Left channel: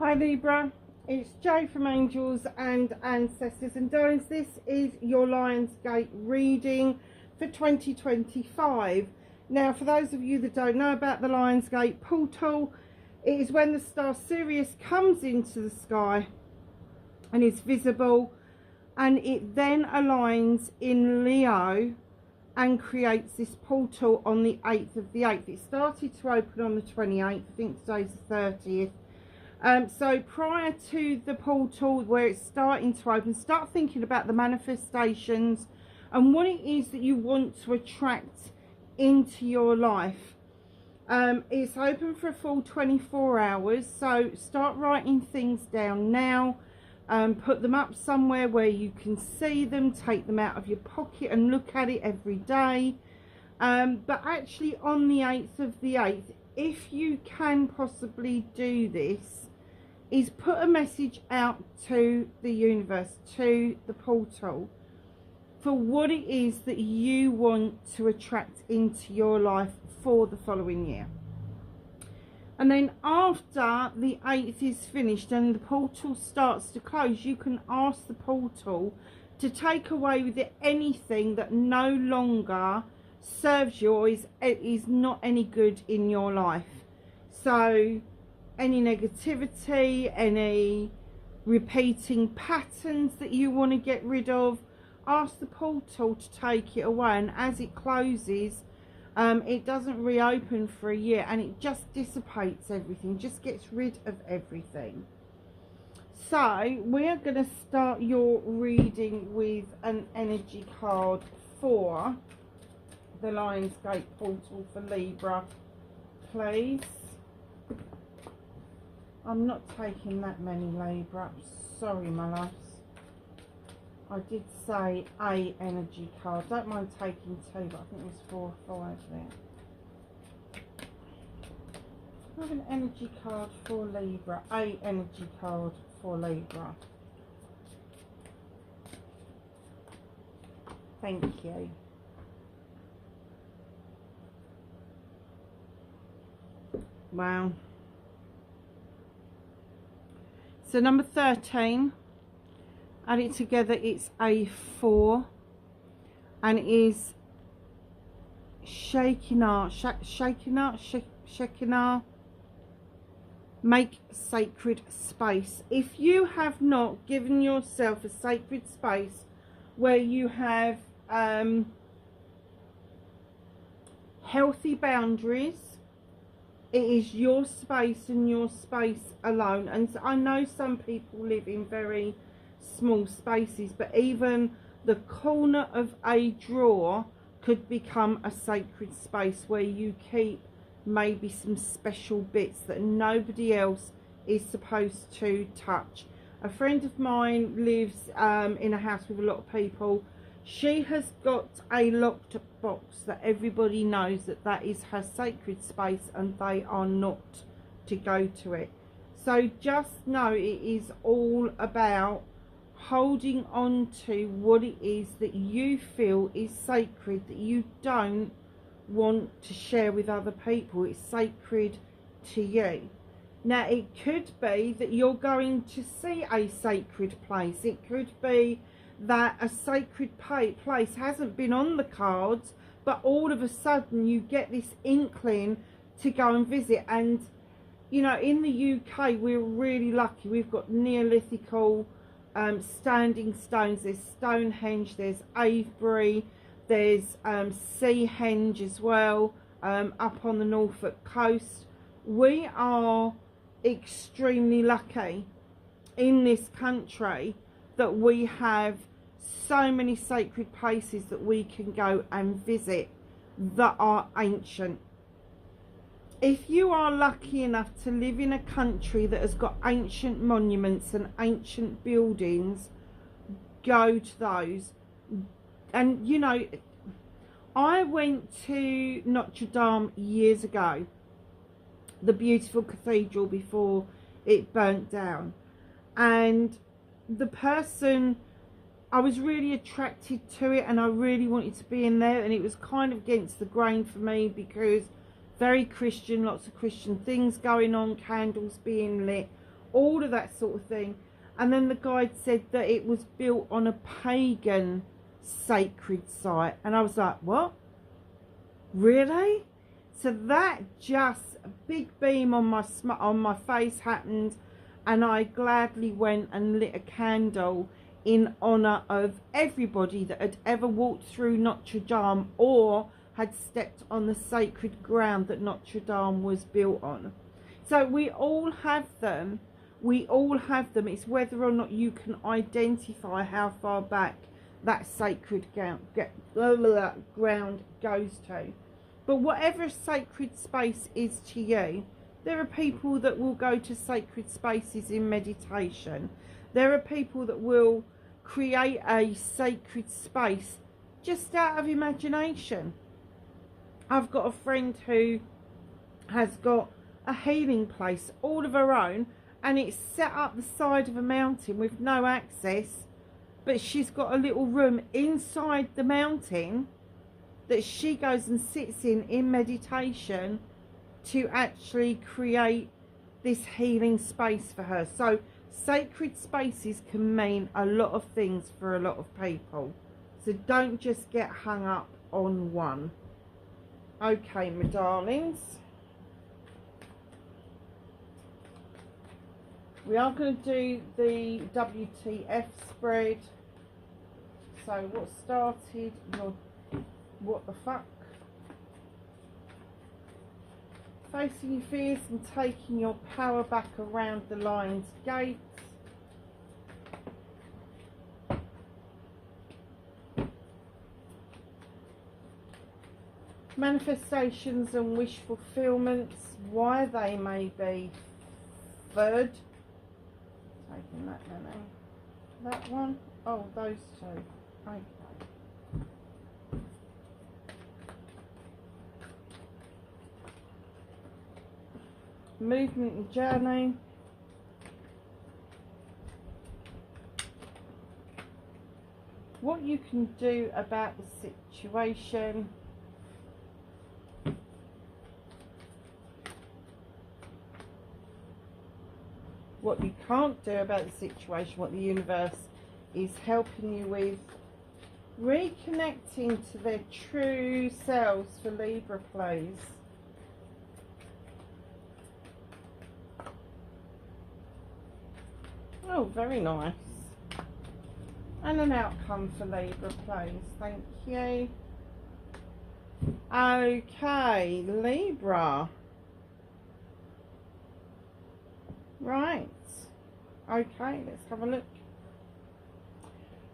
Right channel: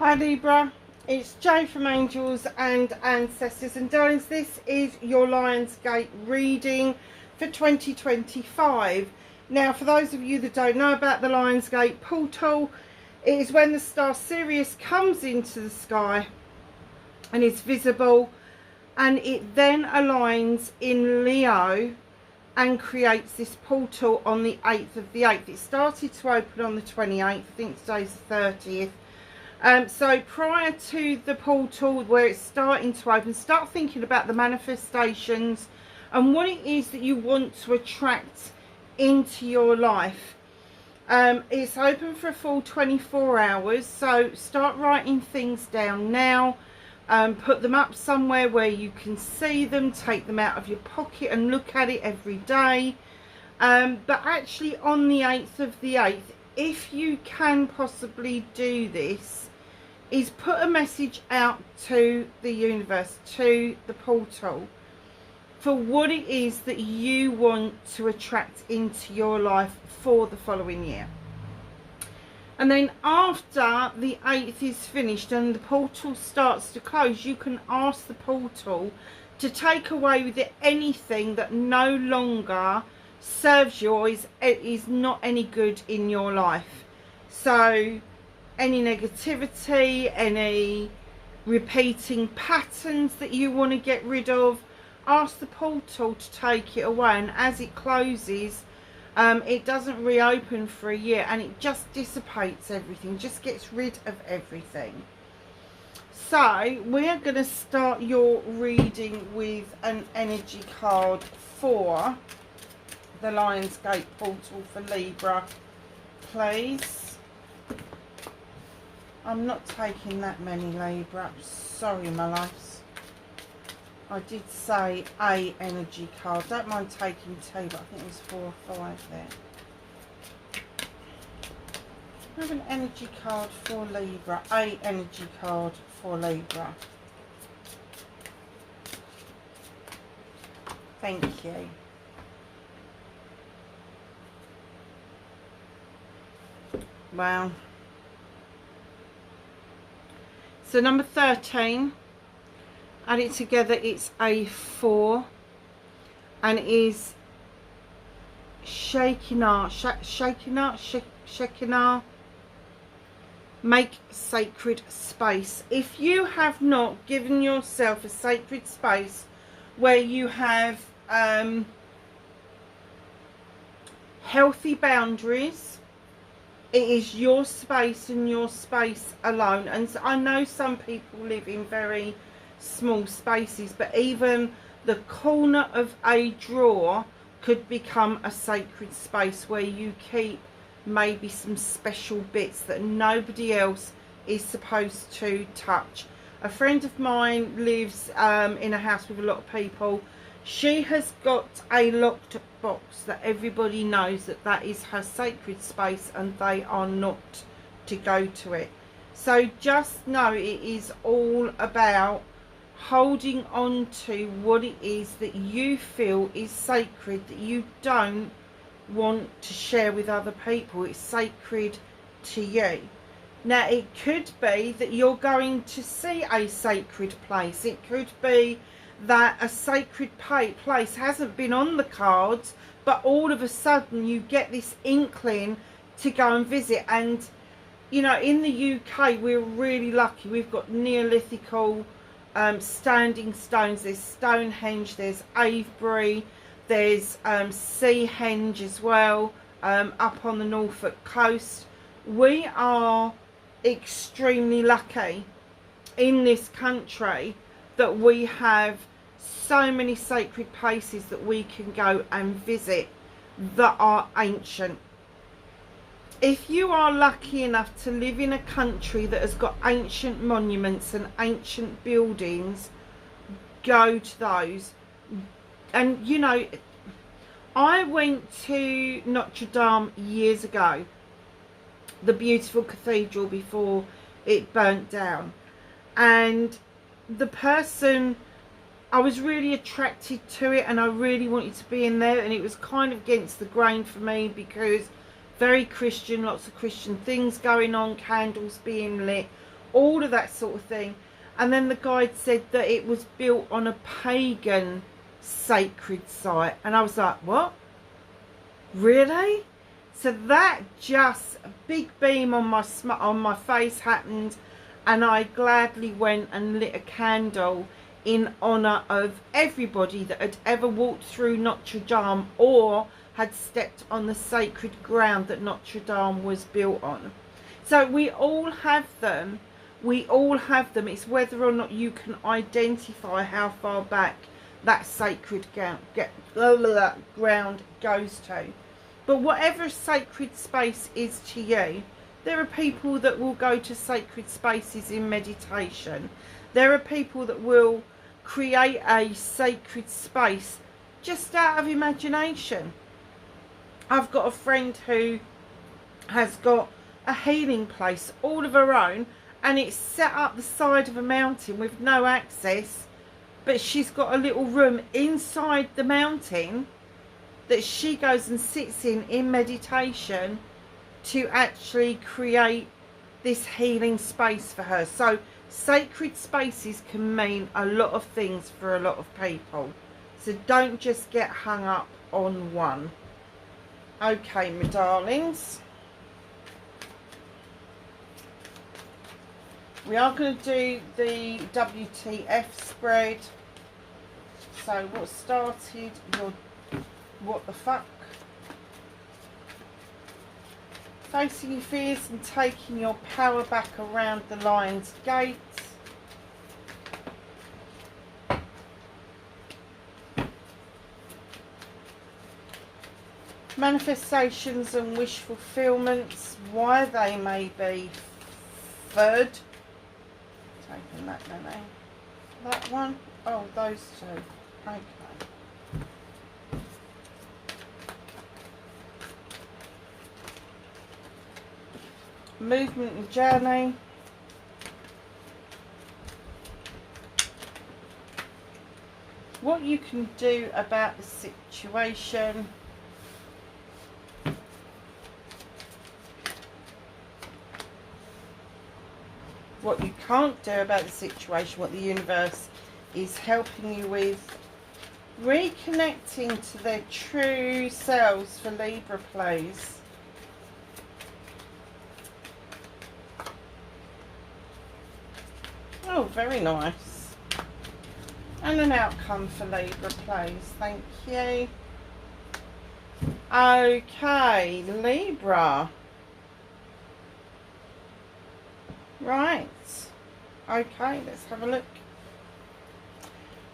Hi Libra, it's Jo from Angels and Ancestors, and darlings, this is your Lionsgate reading for 2025. Now, for those of you that don't know about the Lionsgate portal, it is when the star Sirius comes into the sky and is visible, and it then aligns in Leo and creates this portal on the 8th of the 8th. It started to open on the 28th, I think today's the 30th. So prior to the portal where it's starting to open, start thinking about the manifestations and what it is that you want to attract into your life. It's open for a full 24 hours, so start writing things down now. Put them up somewhere where you can see them, take them out of your pocket and look at it every day. But actually on the 8th of the 8th, if you can possibly do this, is put a message out to the universe, to the portal, for what it is that you want to attract into your life for the following year. And then after the 8th is finished and the portal starts to close, you can ask the portal to take away with it anything that no longer serves you or is not any good in your life. So any negativity, any repeating patterns that you want to get rid of, ask the portal to take it away. And as it closes, it doesn't reopen for a year, and it just dissipates everything, just gets rid of everything. So we're going to start your reading with an energy card for the Lionsgate portal for Libra, please. I'm not taking that many, Libra. Sorry, my loves. I did say a energy card. Don't mind taking two, but I think it was 4 or 5 there. I have an energy card for Libra. A energy card for Libra. Thank you. Wow. So number 13, add it together, it's a 4, and it is Shekinah, make sacred space. If you have not given yourself a sacred space where you have healthy boundaries, it is your space and your space alone. And so I know some people live in very small spaces, but even the corner of a drawer could become a sacred space where you keep maybe some special bits that nobody else is supposed to touch. A friend of mine lives in a house with a lot of people. She has got a locked box that everybody knows that is her sacred space, and they are not to go to it. So just know it is all about holding on to what it is that you feel is sacred, that you don't want to share with other people. It's sacred to you. Now, it could be that you're going to see a sacred place. It could be that a sacred place hasn't been on the cards, but all of a sudden you get this inkling to go and visit. And you know, in the UK we're really lucky. We've got Neolithical standing stones. There's Stonehenge, there's Avebury, there's Seahenge as well, up on the Norfolk coast. We are extremely lucky in this country that we have so many sacred places that we can go and visit that are ancient. If you are lucky enough to live in a country that has got ancient monuments and ancient buildings, go to those. And you know, I went to Notre Dame years ago, the beautiful cathedral before it burnt down, and the person, I was really attracted to it and I really wanted to be in there, and it was kind of against the grain for me because very Christian, lots of Christian things going on, candles being lit, all of that sort of thing. And then the guide said that it was built on a pagan sacred site, and I was like, what? Really? So that just a big beam on my face happened, and I gladly went and lit a candle in honor of everybody that had ever walked through Notre Dame or had stepped on the sacred ground that Notre Dame was built on. So we all have them. We all have them. It's whether or not you can identify how far back that sacred ground goes to. But whatever sacred space is to you, there are people that will go to sacred spaces in meditation. There are people that will create a sacred space just out of imagination. I've got a friend who has got a healing place all of her own, and it's set up the side of a mountain with no access, but she's got a little room inside the mountain that she goes and sits in meditation to actually create this healing space for her. So sacred spaces can mean a lot of things for a lot of people, so don't just get hung up on one. Okay, my darlings, we are going to do the WTF spread. So what started your what the fuck? Facing your fears and taking your power back around the lion's gate. Manifestations and wish fulfillments, why they may be third. Taking that many. That one? Oh, those two. Okay. Movement and journey. What you can do about the situation. What you can't do about the situation, what the universe is helping you with. Reconnecting to their true selves for Libra, please. Oh, very nice. And an outcome for Libra, please. Thank you. Okay, Libra. Right. Okay, let's have a look.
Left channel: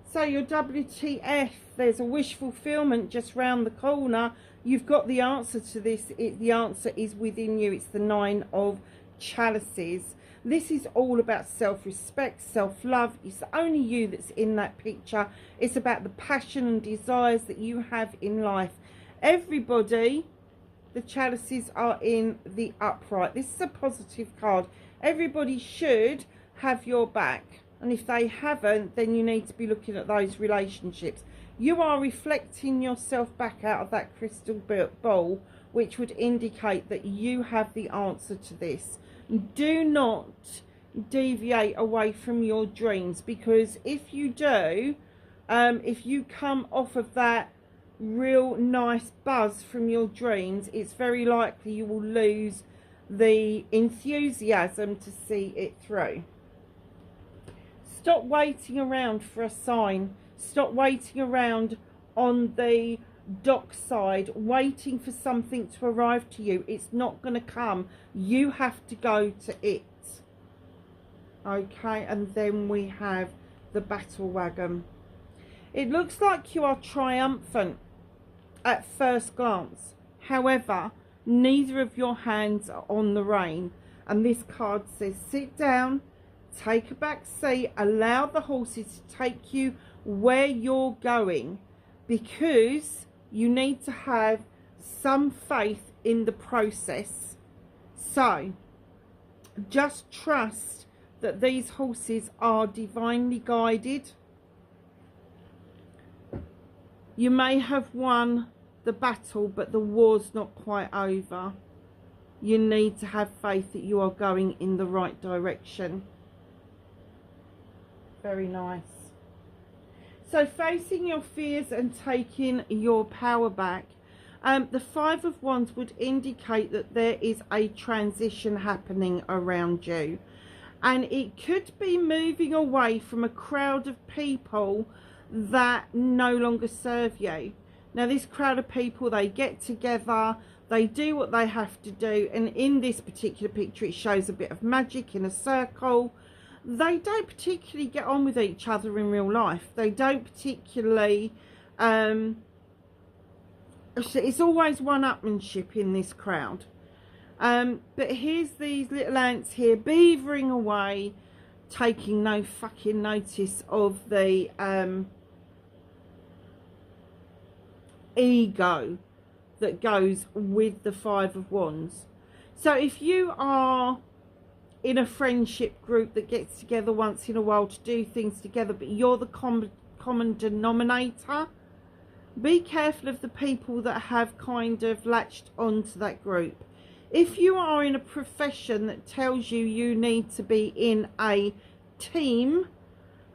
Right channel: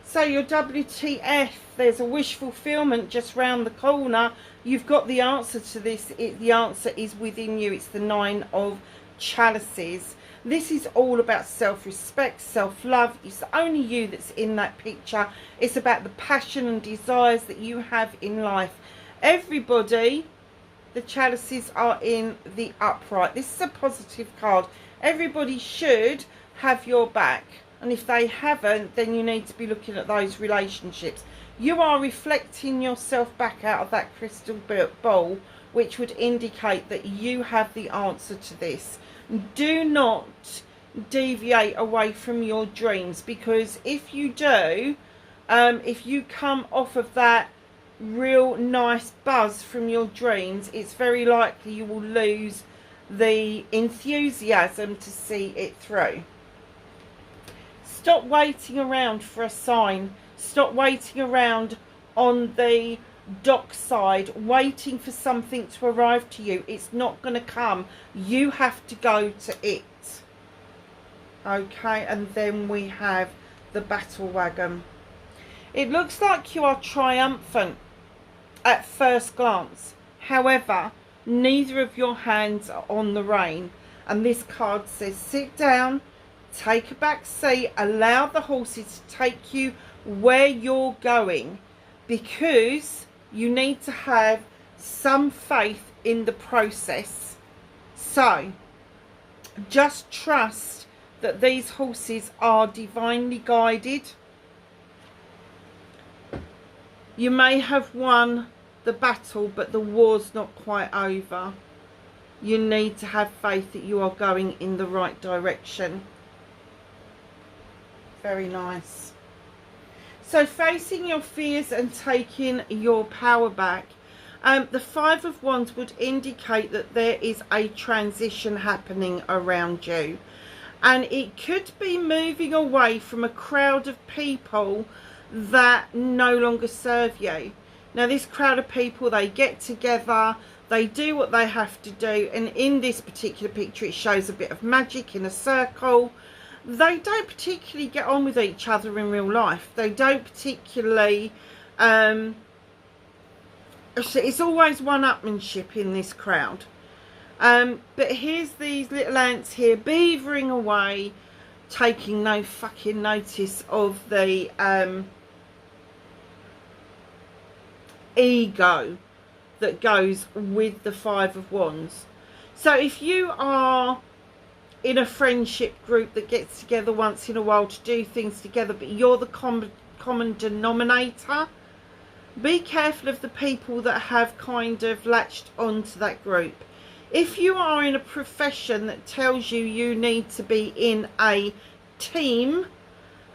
So your WTF, there's a wish fulfillment just round the corner. You've got the answer to this. The answer is within you. It's the 9 of Chalices. This is all about self-respect, self-love. It's only you that's in that picture. It's about the passion and desires that you have in life. Everybody, the Chalices are in the upright. This is a positive card. Everybody should have your back. And if they haven't, then you need to be looking at those relationships. You are reflecting yourself back out of that crystal ball, which would indicate that you have the answer to this. Do not deviate away from your dreams, because if you do, if you come off of that real nice buzz from your dreams, it's very likely you will lose the enthusiasm to see it through. Stop waiting around for a sign. Stop waiting around on the dockside waiting for something to arrive to you. It's not going to come. You have to go to it. Okay, and then we have the battle wagon. It looks like you are triumphant at first glance. However, neither of your hands are on the rein, and this card says sit down, take a back seat, allow the horses to take you where you're going, because you need to have some faith in the process. So just trust that these horses are divinely guided. You may have won the battle, but the war's not quite over. You need to have faith that you are going in the right direction. Very nice. So facing your fears and taking your power back. The Five of Wands would indicate that there is a transition happening around you. And it could be moving away from a crowd of people that no longer serve you. Now, this crowd of people, they get together, they do what they have to do. And in this particular picture, it shows a bit of magic in a circle. They don't particularly get on with each other in real life. They don't particularly... it's always one-upmanship in this crowd. But here's these little ants here beavering away, taking no fucking notice of the ego that goes with the Five of Wands. So if you are in a friendship group that gets together once in a while to do things together, but you're the common denominator, be careful of the people that have kind of latched onto that group. If you are in a profession that tells you you need to be in a team,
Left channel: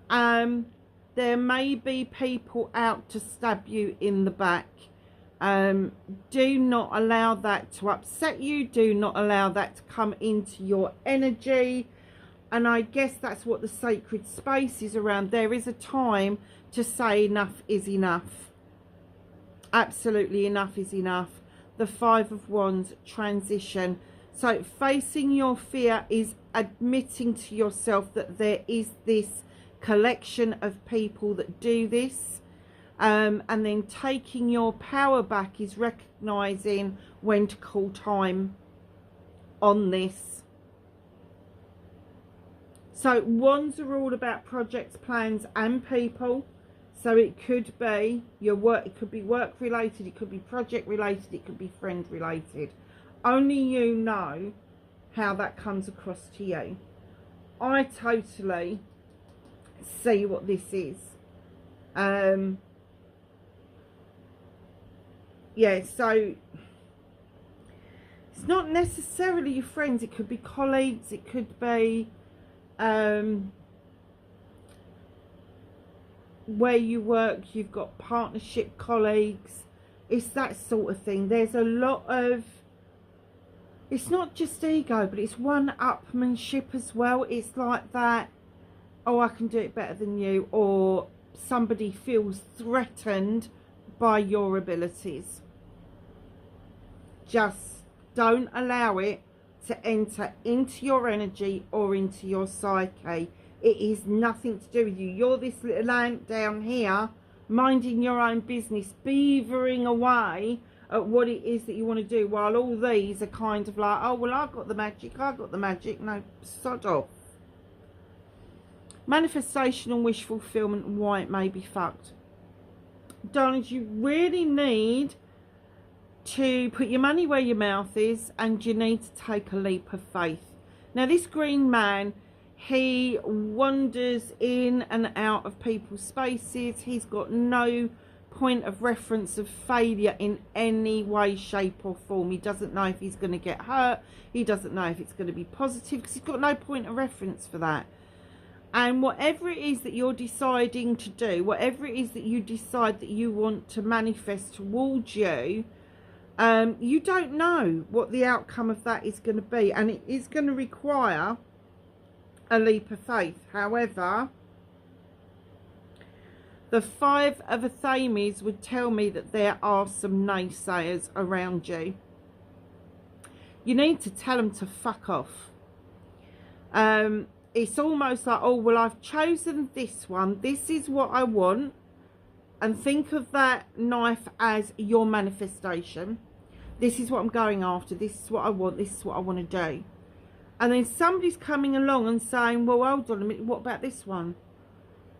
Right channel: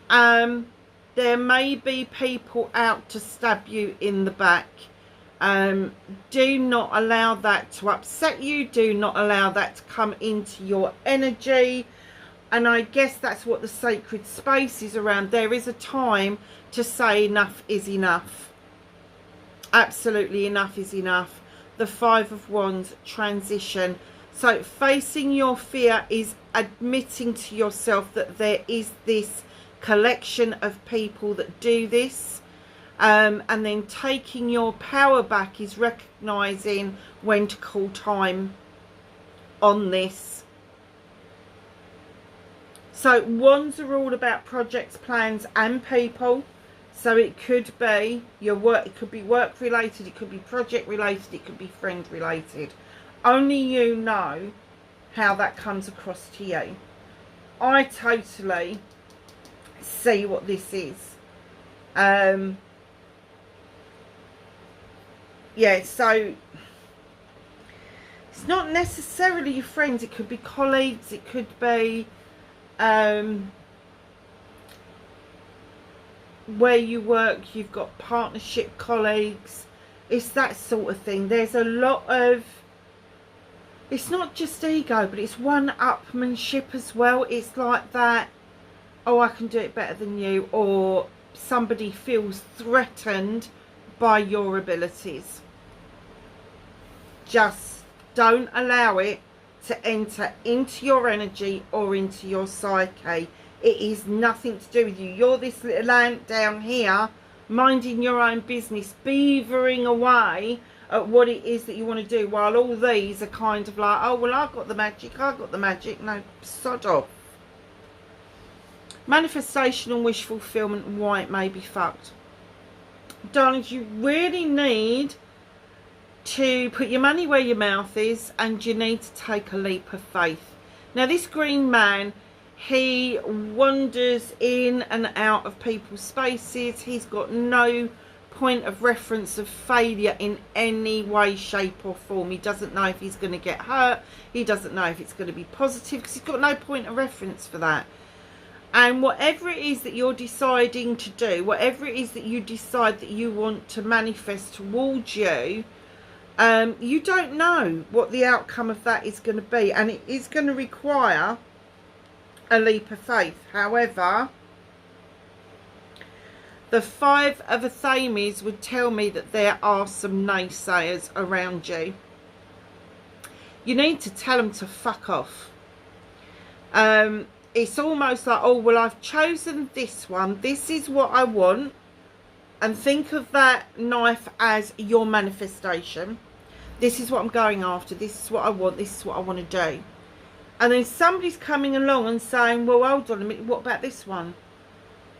there may be people out to stab you in the back. Do not allow that to upset you. Do not allow that to come into your energy. And I guess that's what the sacred space is around. There is a time to say enough is enough. Absolutely enough is enough. The Five of Wands, transition. So facing your fear is admitting to yourself that there is this collection of people that do this. And then taking your power back is recognizing when to call time on this. So wands are all about projects, plans and people. So it could be your work, it could be work related, it could be project related, it could be friend related. Only you know how that comes across to you. I totally see what this is. Yeah, so it's not necessarily your friends, it could be colleagues, it could be where you work, you've got partnership colleagues. It's that sort of thing. There's a lot of, it's not just ego, but it's one-upmanship as well. It's like that, oh, I can do it better than you, or somebody feels threatened by your abilities. Just don't allow it to enter into your energy or into your psyche. It is nothing to do with you. You're this little ant down here, minding your own business, beavering away at what it is that you want to do, while all these are kind of like, oh, well, I've got the magic, I've got the magic. No, sod off. Manifestation and wish fulfillment and why it may be fucked. Darlings, you really need to put your money where your mouth is, and you need to take a leap of faith. Now, this green man, he wanders in and out of people's spaces. He's got no point of reference of failure in any way, shape or form. He doesn't know if he's going to get hurt. He doesn't know if it's going to be positive, because he's got no point of reference for that. And whatever it is that you're deciding to do, whatever it is that you decide that you want to manifest towards you, you don't know what the outcome of that is going to be, and it is going to require a leap of faith. However, the Five of Athames would tell me that there are some naysayers around you. You need to tell them to fuck off. It's almost like, oh, well, I've chosen this one. This is what I want. And think of that knife as your manifestation. This is what I'm going after. This is what I want. This is what I want to do. And then somebody's coming along and saying, well, hold on a minute, what about this one?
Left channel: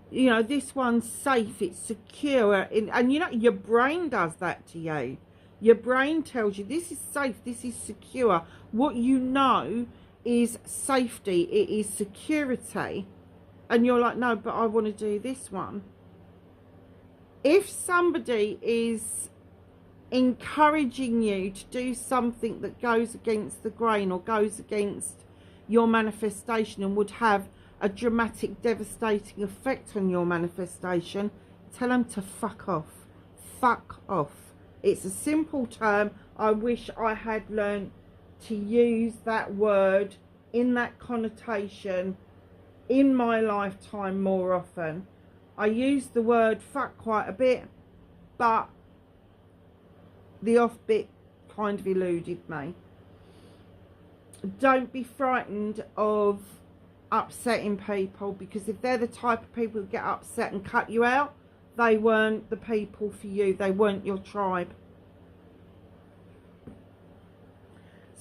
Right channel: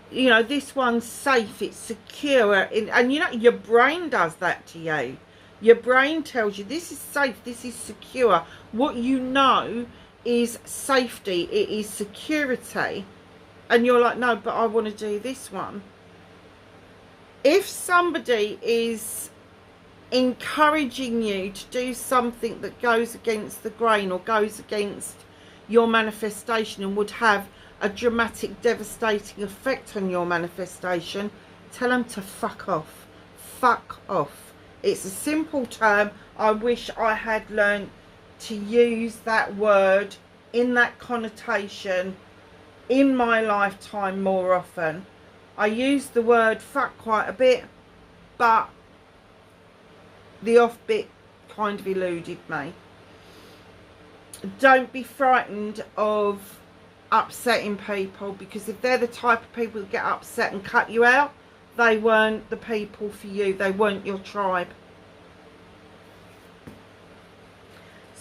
You know, this one's safe, it's secure. And you know, your brain does that to you. Your brain tells you this is safe, this is secure. What you know is safety, it is security. And you're like, no, but I want to do this one. If somebody is encouraging you to do something that goes against the grain or goes against your manifestation and would have a dramatic, devastating effect on your manifestation, tell them to fuck off. Fuck off. It's a simple term. I wish I had learned to use that word in that connotation in my lifetime more often. I use the word fuck quite a bit, but the off bit kind of eluded me. Don't be frightened of upsetting people, because if they're the type of people that get upset and cut you out, they weren't the people for you. They weren't your tribe.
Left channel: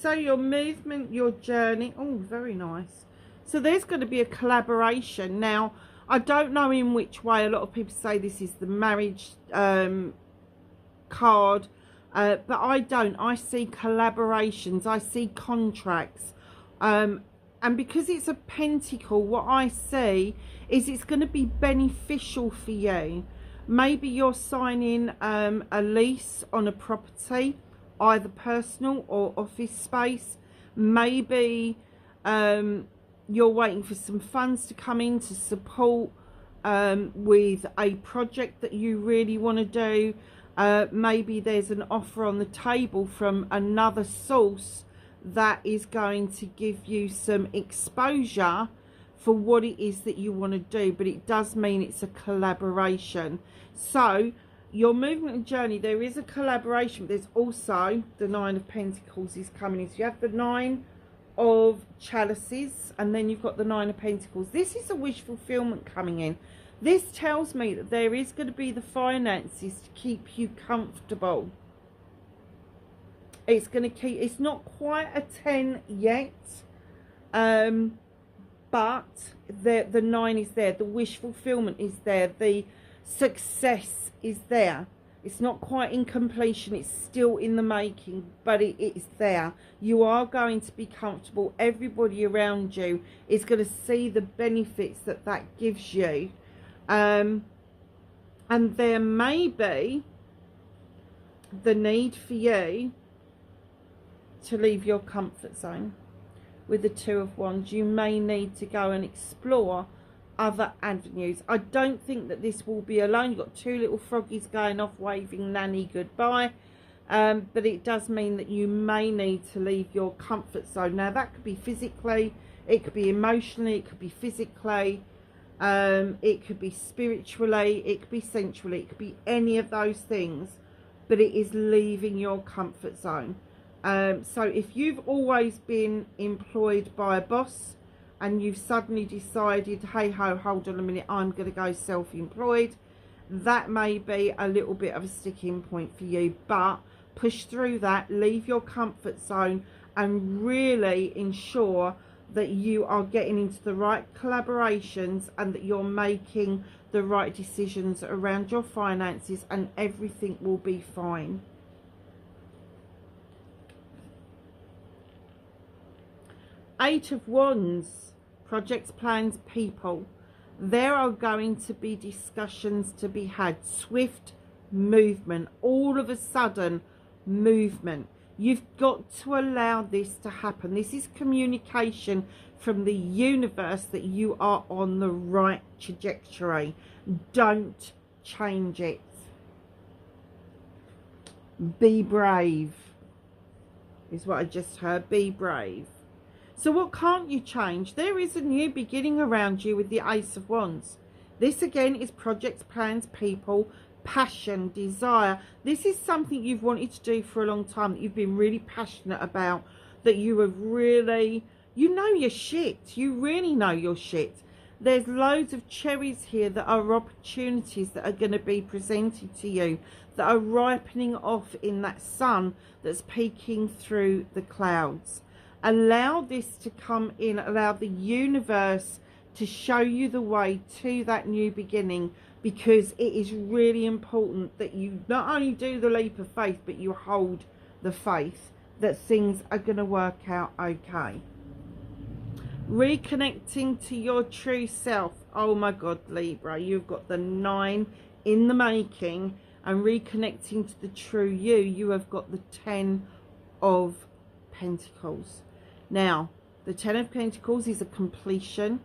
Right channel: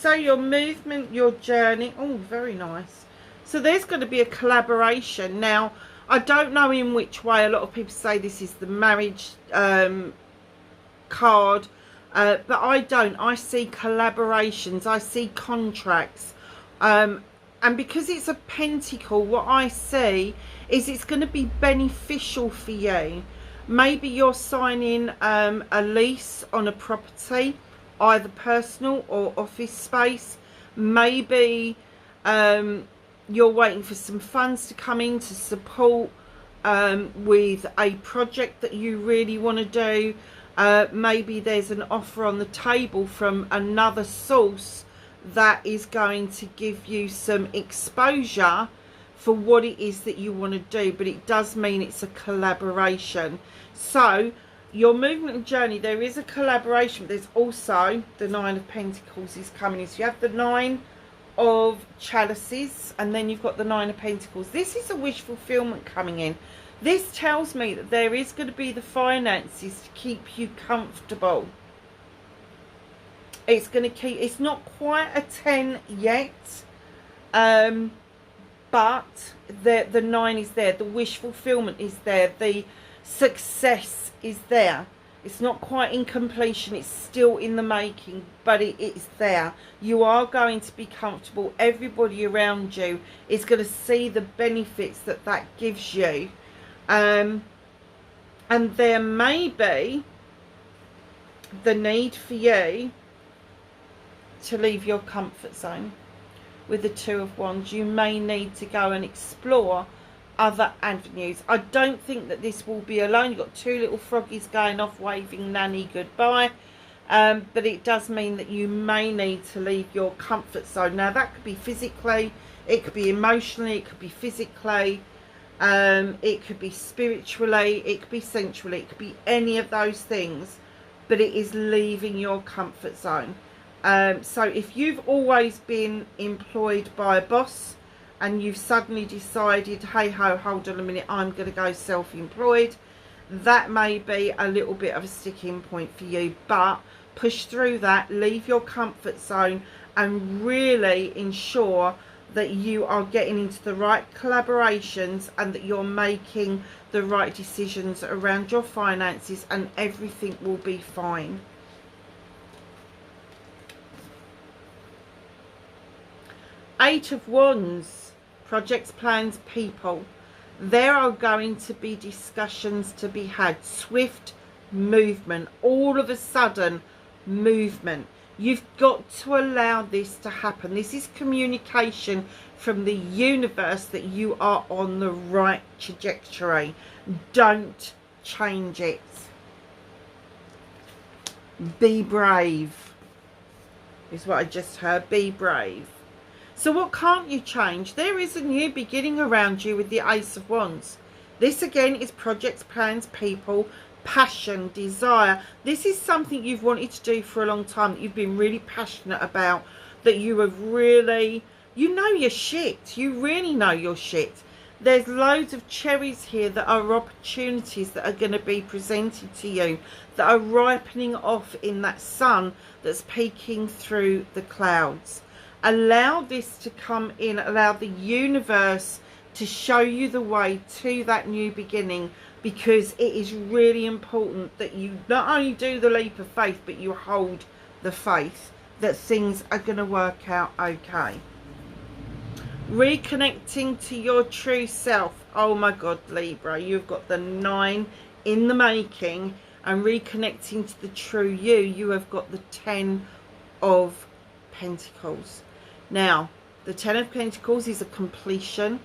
So your movement, your journey, oh, very nice. So there's going to be a collaboration. Now, I don't know in which way. A lot of people say this is the marriage card, but I don't. I see collaborations. I see contracts. And because it's a pentacle, what I see is it's going to be beneficial for you. Maybe you're signing a lease on a property, either personal or office space. Maybe you're waiting for some funds to come in to support with a project that you really want to do. Maybe there's an offer on the table from another source that is going to give you some exposure for what it is that you want to do, but it does mean it's a collaboration. So your movement and journey, there is a collaboration. There's also the Nine of Pentacles is coming in. So you have the Nine of Chalices, and then you've got the Nine of Pentacles. This is a wish fulfillment coming in. This tells me that there is going to be the finances to keep you comfortable. It's going to keep, it's not quite a 10 yet, but the 9 is there. The wish fulfillment is there. The success is there. It's not quite in completion. It's still in the making, but it is there. You are going to be comfortable. Everybody around you is going to see the benefits that that gives you. And there may be the need for you to leave your comfort zone. With the Two of Wands, you may need to go and explore other avenues. I don't think that this will be alone. You've got two little froggies going off waving nanny goodbye, but it does mean that you may need to leave your comfort zone. Now that could be physically, it could be emotionally, it could be physically, it could be spiritually, it could be sensually, it could be any of those things, but it is leaving your comfort zone. So if you've always been employed by a boss and you've suddenly decided, hey ho, hold on a minute, I'm going to go self-employed, that may be a little bit of a sticking point for you. But push through that, leave your comfort zone, and really ensure that you are getting into the right collaborations and that you're making the right decisions around your finances, and everything will be fine. Eight of Wands, projects, plans, people. There are going to be discussions to be had. Swift movement. All of a sudden, movement. You've got to allow this to happen. This is communication from the universe that you are on the right trajectory. Don't change it. Be brave, is what I just heard. Be brave. So what can't you change? There is a new beginning around you with the Ace of Wands. This again is projects, plans, people, passion, desire. This is something you've wanted to do for a long time, that you've been really passionate about, that you have really, you know your shit. You really know your shit. There's loads of cherries here that are opportunities that are going to be presented to you, that are ripening off in that sun that's peeking through the clouds. Allow this to come in. Allow the universe to show you the way to that new beginning, because it is really important that you not only do the leap of faith, but you hold the faith that things are going to work out okay. Reconnecting to your true self. Oh my God, Libra, you've got the 9 in the making. and reconnecting to the true you, you have got the 10 of Pentacles. Now, the 10 of Pentacles is a completion.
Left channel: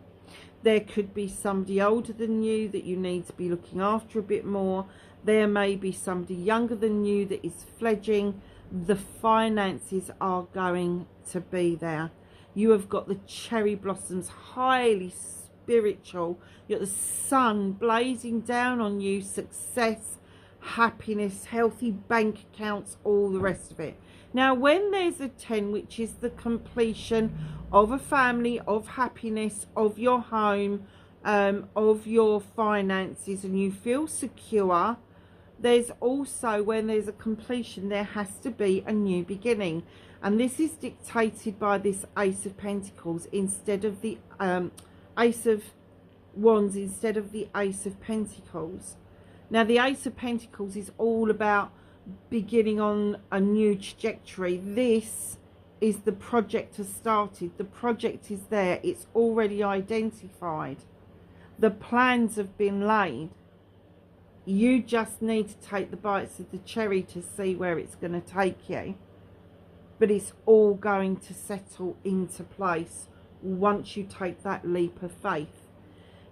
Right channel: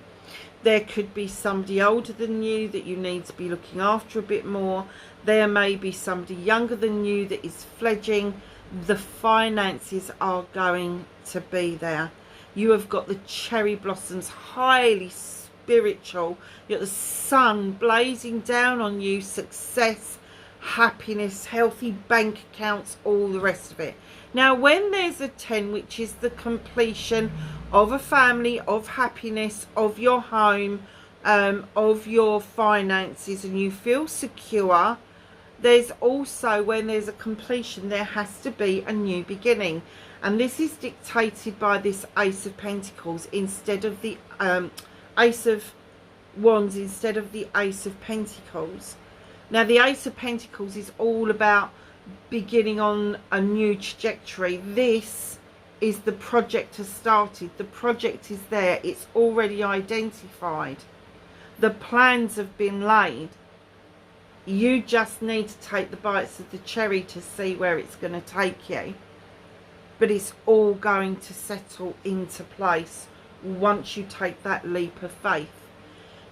There could be somebody older than you that you need to be looking after a bit more. There may be somebody younger than you that is fledging. The finances are going to be there. You have got the cherry blossoms, highly spiritual. You've got the sun blazing down on you, success, happiness, healthy bank accounts, all the rest of it. Now, when there's a 10, which is the completion of a family, of happiness, of your home, of your finances, and you feel secure, there's also, when there's a completion, there has to be a new beginning. And this is dictated by this Ace of Pentacles instead of the Ace of Wands, instead of the Ace of Pentacles. Now, the Ace of Pentacles is all about beginning on a new trajectory. This is the project has started. The project is there. It's already identified. The plans have been laid. You just need to take the bites of the cherry to see where it's going to take you. But it's all going to settle into place once you take that leap of faith.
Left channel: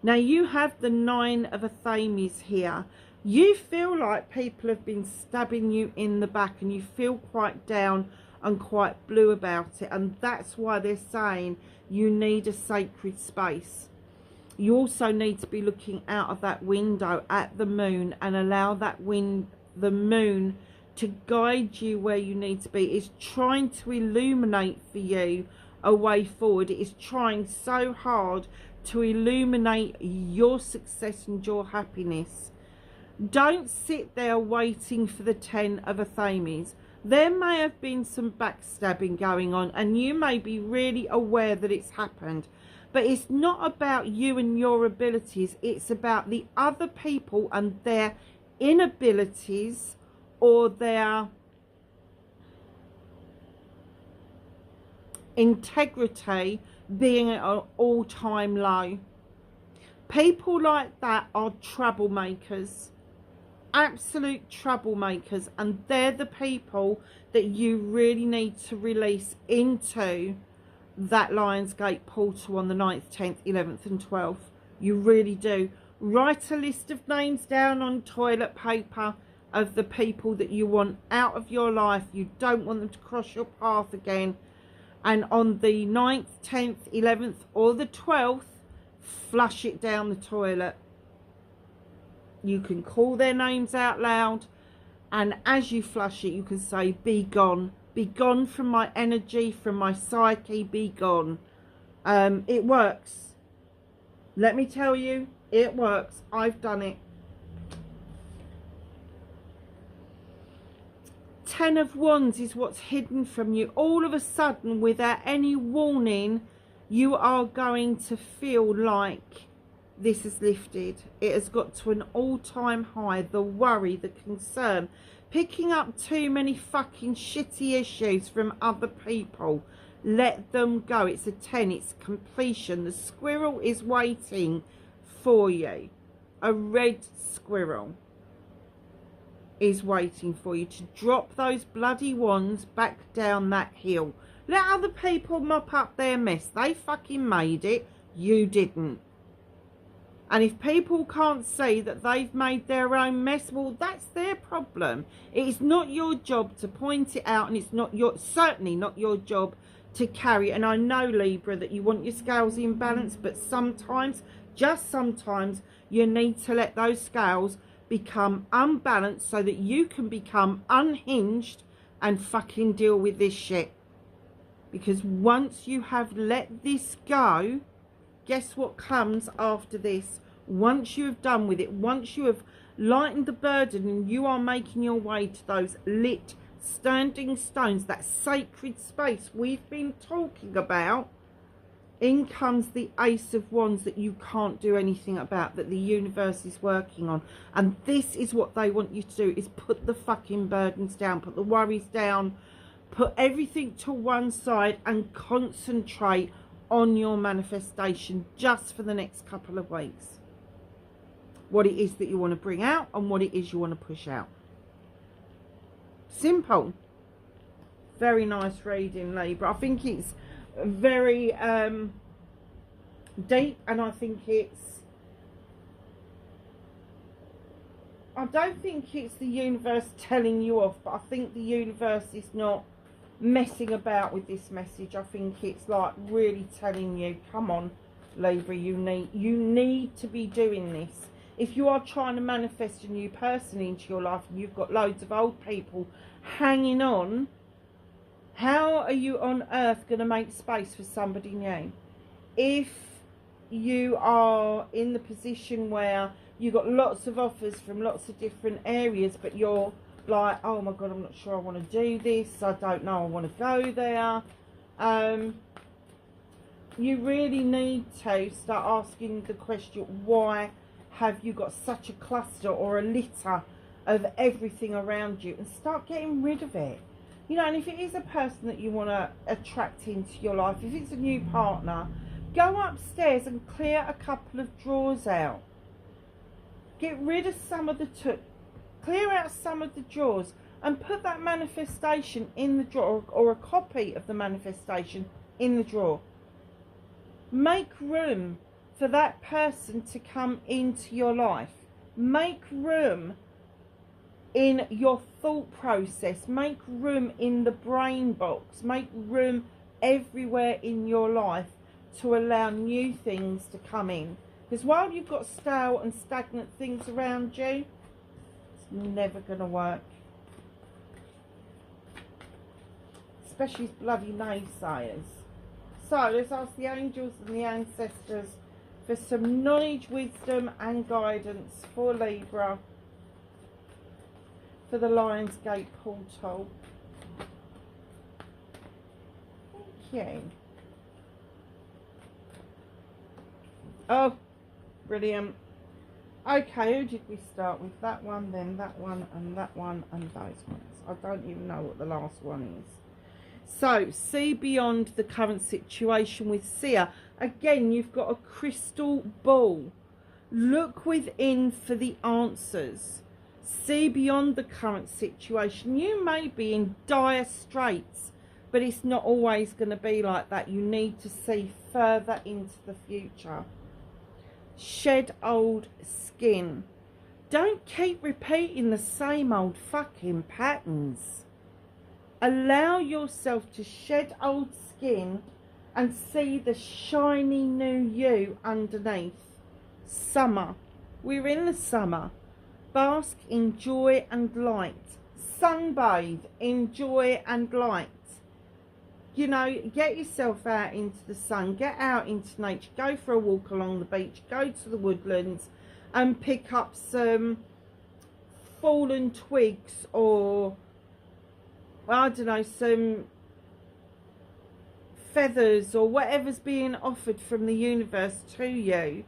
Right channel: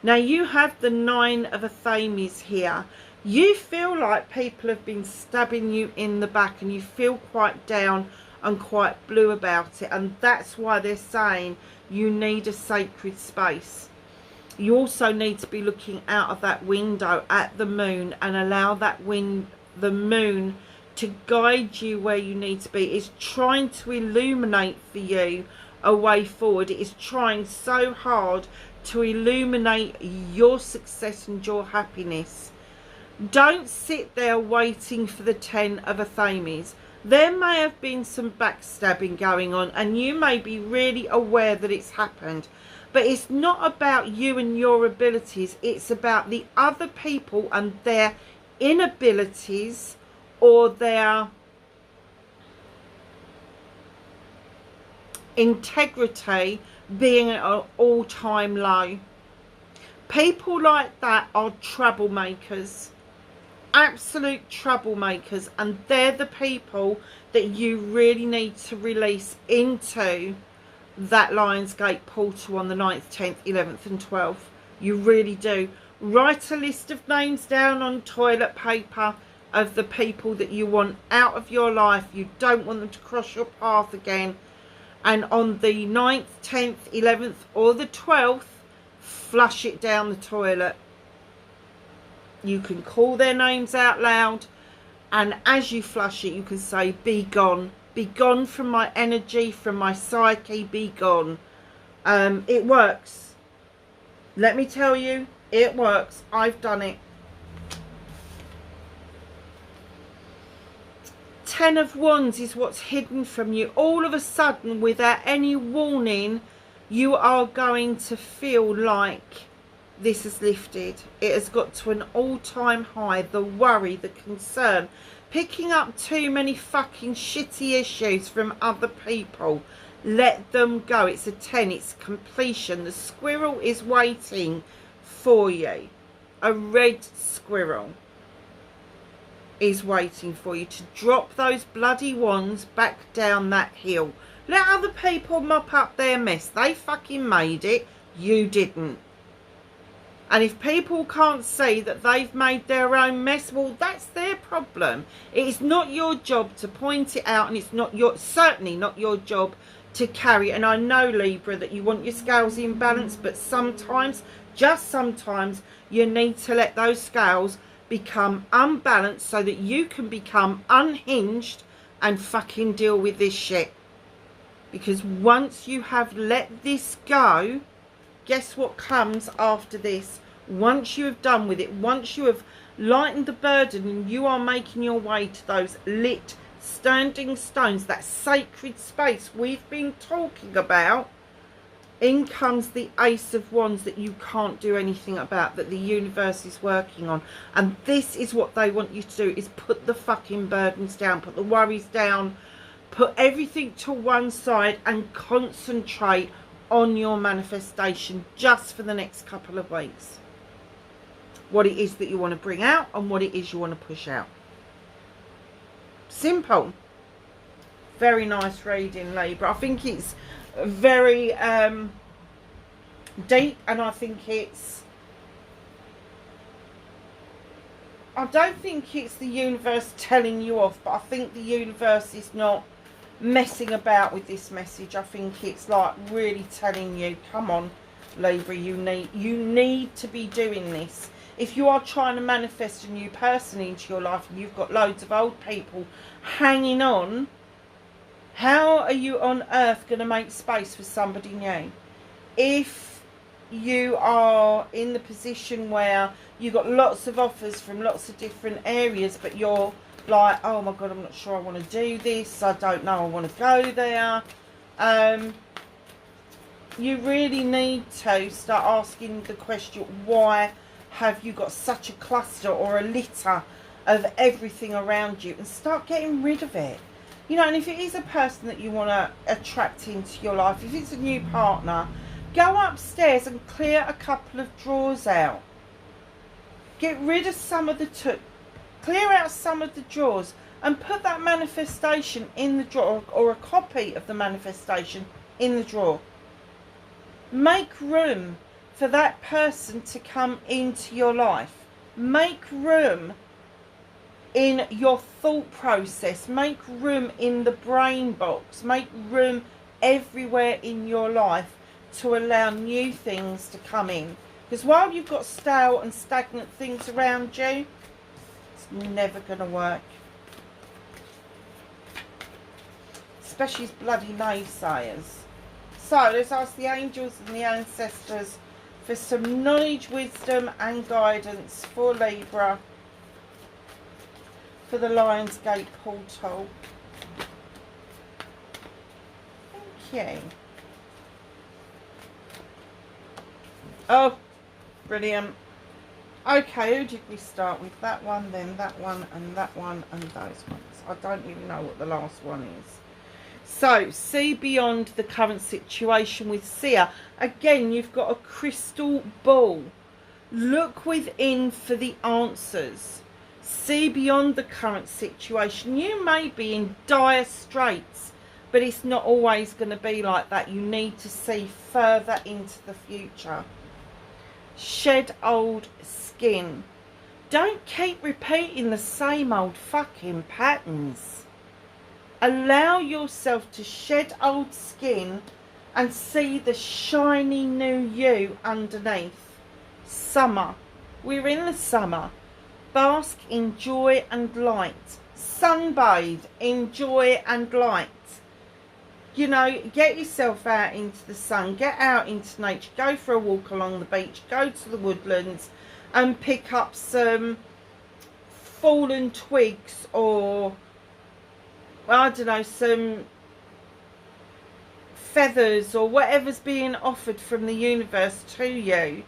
Now, you have the 9 of Athames here. You feel like people have been stabbing you in the back, and you feel quite down and quite blue about it. And that's why they're saying you need a sacred space. You also need to be looking out of that window at the moon and allow that the moon to guide you where you need to be. It's trying to illuminate for you a way forward. It is trying so hard to illuminate your success and your happiness. Don't sit there waiting for the 10 of Athames. There may have been some backstabbing going on, and you may be really aware that it's happened. But it's not about you and your abilities. It's about the other people and their inabilities, or their integrity being at an all-time low. People like that are troublemakers. Absolute troublemakers. And they're the people that you really need to release into that Lionsgate portal on the 9th, 10th, 11th and 12th. You really do. Write a list of names down on toilet paper of the people that you want out of your life. You don't want them to cross your path again. And on the 9th, 10th, 11th or the 12th, flush it down the toilet. You can call their names out loud, and as you flush it, you can say, be gone. Be gone from my energy, from my psyche, be gone. It works. Let me tell you, it works. I've done it. 10 of Wands is what's hidden from you. All of a sudden, without any warning, you are going to feel like this has lifted. It has got to an all-time high. The worry, the concern, picking up too many fucking shitty issues from other people. Let them go. It's a 10. It's completion. The squirrel is waiting for you. A red squirrel is waiting for you to drop those bloody wands back down that hill. Let other people mop up their mess. They fucking made it. You didn't. And if people can't see that they've made their own mess, well, that's their problem. It's not your job to point it out, and it's not certainly not your job to carry. And I know, Libra, that you want your scales in balance, but sometimes, just sometimes, you need to let those scales become unbalanced so that you can become unhinged and fucking deal with this shit. Because once you have let this go, guess what comes after this? Once you have done with it, once you have lightened the burden and you are making your way to those lit standing stones, that sacred space we've been talking about, in comes the Ace of Wands that you can't do anything about, that the universe is working on. And this is what they want you to do, is put the fucking burdens down, put the worries down, put everything to one side and concentrate on your manifestation just for the next couple of weeks. What it is that you want to bring out and what it is you want to push out. Simple. Very nice reading, Libra. I think it's very deep, and I think it's, I don't think it's the universe telling you off, but I think the universe is not messing about with this message. I think it's like really telling you, come on, Libra, you need to be doing this. If you are trying to manifest a new person into your life and you've got loads of old people hanging on, how are you on earth going to make space for somebody new? If you are in the position where you've got lots of offers from lots of different areas, but you're like, oh my God, I'm not sure I want to do this, I don't know, I want to go there, you really need to start asking the question, why have you got such a cluster or a litter of everything around you, and start getting rid of it. You know, and if it is a person that you want to attract into your life, if it's a new partner, go upstairs and clear a couple of drawers out. Get rid of some of the clear out some of the drawers and put that manifestation in the drawer, or a copy of the manifestation in the drawer. Make room for that person to come into your life. Make room in your thought process. Make room in the brain box. Make room everywhere in your life to allow new things to come in. Because while you've got stale and stagnant things around you, it's never going to work. Especially bloody naysayers. So let's ask the angels and the ancestors for some knowledge, wisdom and guidance for Libra for the Lionsgate portal. Thank you. Oh, brilliant. Okay, who did we start with? That one, then that one, and that one, and those ones. I don't even know what the last one is. So, see beyond the current situation with Seer. Again, you've got a crystal ball. Look within for the answers. See beyond the current situation. You may be in dire straits, but it's not always going to be like that. You need to see further into the future. Shed old skin. Don't keep repeating the same old fucking patterns. Allow yourself to shed old skin and see the shiny new you underneath. Summer. We're in the summer. Bask in joy and light. Sunbathe in joy and light. You know, get yourself out into the sun. Get out into nature. Go for a walk along the beach. Go to the woodlands and pick up some fallen twigs, or I don't know, some feathers or whatever's being offered from the universe to you.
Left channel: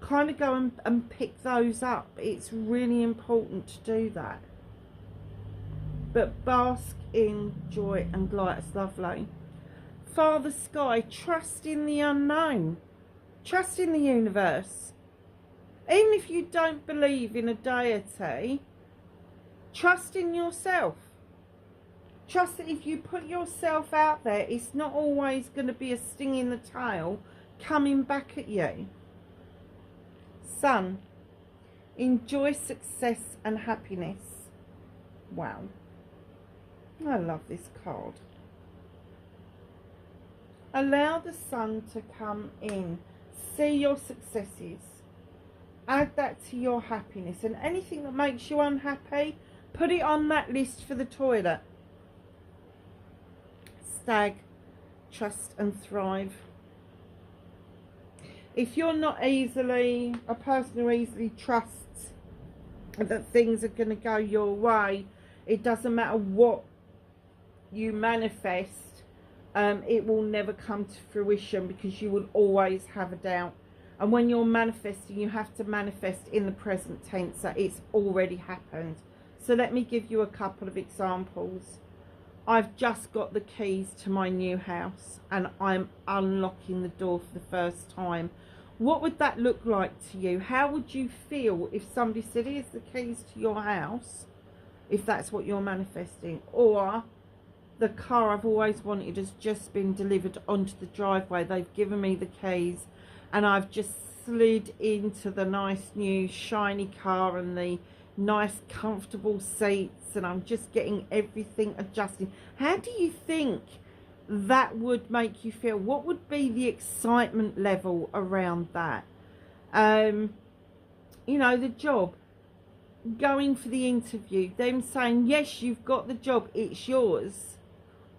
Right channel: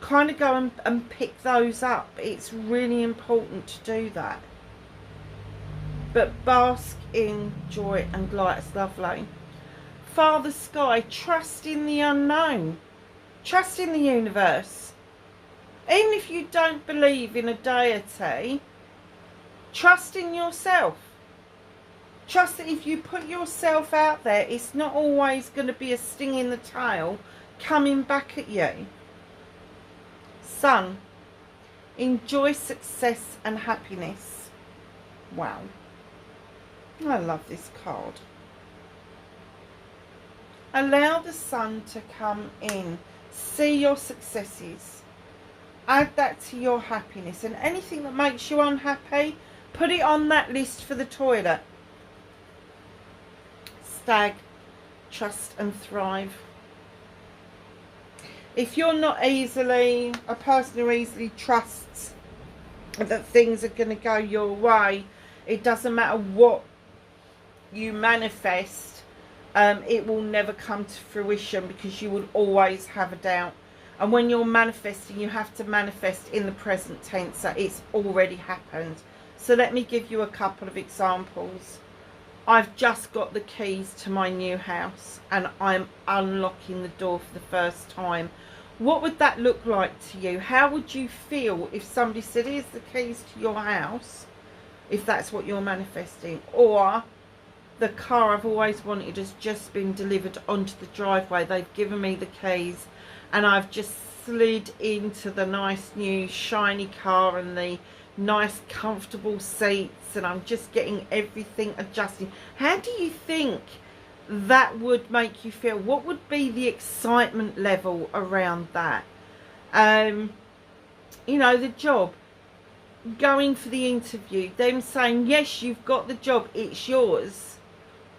Kind of go and pick those up. It's really important to do that. But bask in joy and light. It's lovely. Father Sky, trust in the unknown. Trust in the universe. Even if you don't believe in a deity, trust in yourself. Trust that if you put yourself out there, it's not always going to be a sting in the tail coming back at you. Sun, enjoy success and happiness. Wow. I love this card. Allow the sun to come in. See your successes. Add that to your happiness. And anything that makes you unhappy, put it on that list for the toilet. Stag, trust and thrive. If you're not easily a person who easily trusts that things are going to go your way, it doesn't matter what you manifest, it will never come to fruition, because you will always have a doubt. And when you're manifesting, you have to manifest in the present tense, that it's already happened. So let me give you a couple of examples. I've just got the keys to my new house and I'm unlocking the door for the first time. What would that look like to you? How would you feel if somebody said, here's the keys to your house, if that's what you're manifesting. Or the car I've always wanted has just been delivered onto the driveway. They've given me the keys and I've just slid into the nice new shiny car and the nice comfortable seats, and I'm just getting everything adjusted. How do you think that would make you feel? What would be the excitement level around that? You know, the job, going for the interview, them saying yes, you've got the job, it's yours.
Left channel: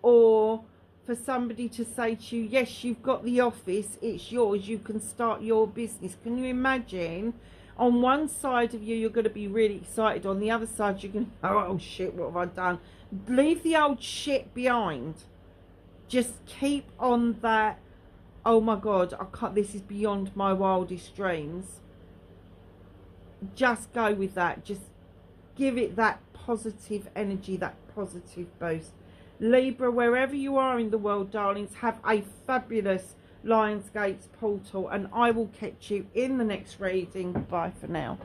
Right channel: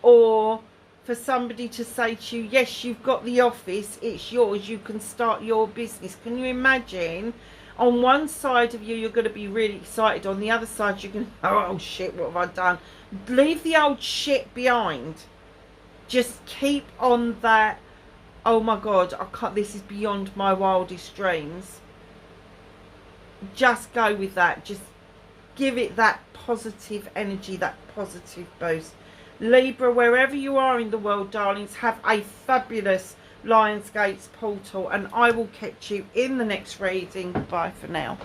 Or for somebody to say to you, yes, you've got the office, it's yours, you can start your business. Can you imagine? On one side of you, you're going to be really excited. On the other side, you're going to, oh shit, what have I done? Leave the old shit behind. Just keep on that, oh my God, I can't, this is beyond my wildest dreams. Just go with that. Just give it that positive energy, that positive boost. Libra, wherever you are in the world, darlings, have a fabulous Lionsgate's portal, and I will catch you in the next reading. Bye for now.